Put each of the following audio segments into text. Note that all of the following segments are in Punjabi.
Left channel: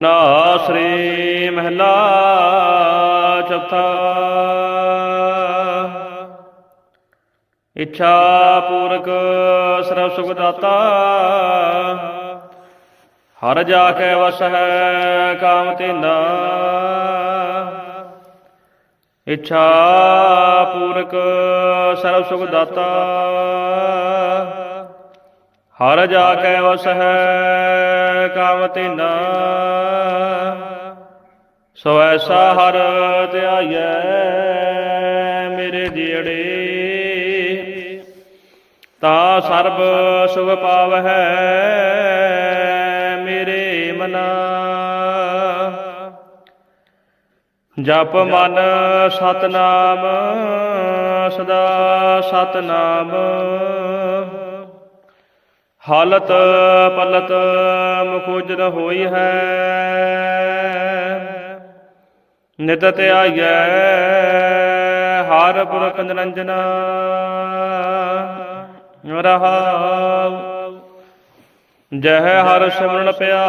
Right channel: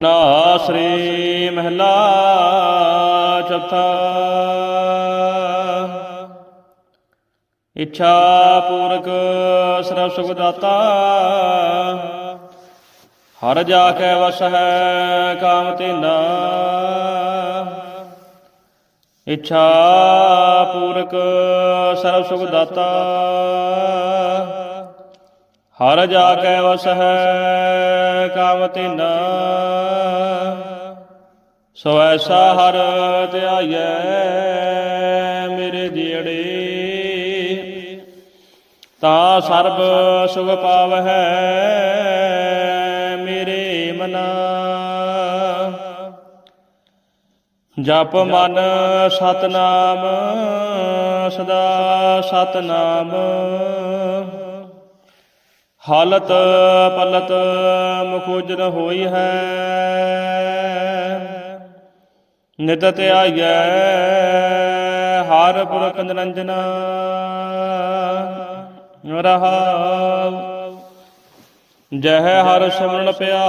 ਨਾ ਸ੍ਰੀ ਮਹਿਲਾ ਚੌਥਾ। ਇੱਛਾ ਪੂਰਕ ਸਰਬ ਸੁਖ ਦਾਤਾ। ਹਰ ਜਾ ਕੇ ਵਸ ਹੈ ਕਾਮ ਤੇਨਾ ਇੱਛਾ ਪੂਰਕ ਸਰਬ ਸੁਖ ਦਾਤਾ। ਹਰ ਜਾ ਕੇ ਵਸ ਹੈ ਕਾਮ ਤੇਨਾ ਸੋ ਐਸਾ ਹਰ ਧਿਆਈਐ ਮੇਰੇ ਜੀੜੇ। ਤਾਂ ਸਰਬ ਸੁਖ ਪਾਵਹਿ ਮੇਰੇ ਮਨਾ। ਜਪ ਮਨ ਸਤਨਾਮ, ਸਦਾ ਸਤਨਾਮ। ਹਾਲਤ ਪਲਤ ਮੁਖੋਜਨ ਹੋਈ ਹੈ। ਨਿਤ ਧਿਆਈਐ ਹਰ ਪੁਰਖ ਨਿਰੰਜਨ। ਰਹਾਉ। ਜਹ ਹਰ ਸਿਮਰਨ ਪਿਆ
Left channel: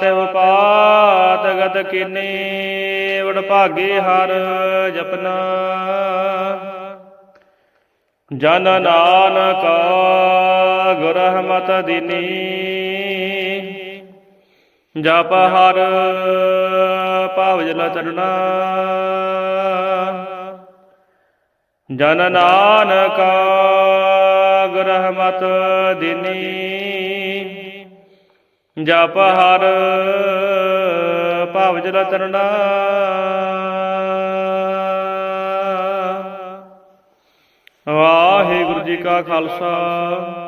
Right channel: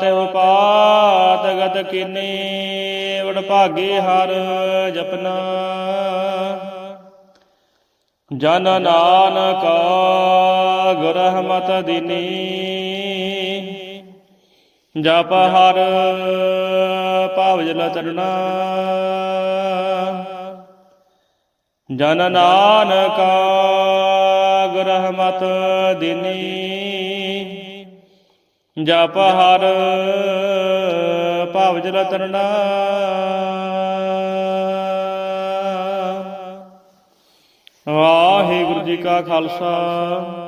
ਤੇ ਉਪਾਤ ਗਤ ਕੀਨੀ, ਵਡ ਭਾਗੇ ਹਰ ਜਪਨਾ। ਜਨ ਨਾਨਕ ਗੁਰ ਰਹਿਮਤ ਦੀਨੀ ਜਪ ਹਰ ਭਾਵ ਜਲ ਜਨ ਨਾਨਕ ਗੁਰ ਰਹਿਮਤ ਦੀਨੀ ਜਪ ਹਰ ਭਾਵ ਜਲ ਵਾਹਿਗੁਰੂ ਜੀ ਕਾ ਖਾਲਸਾ।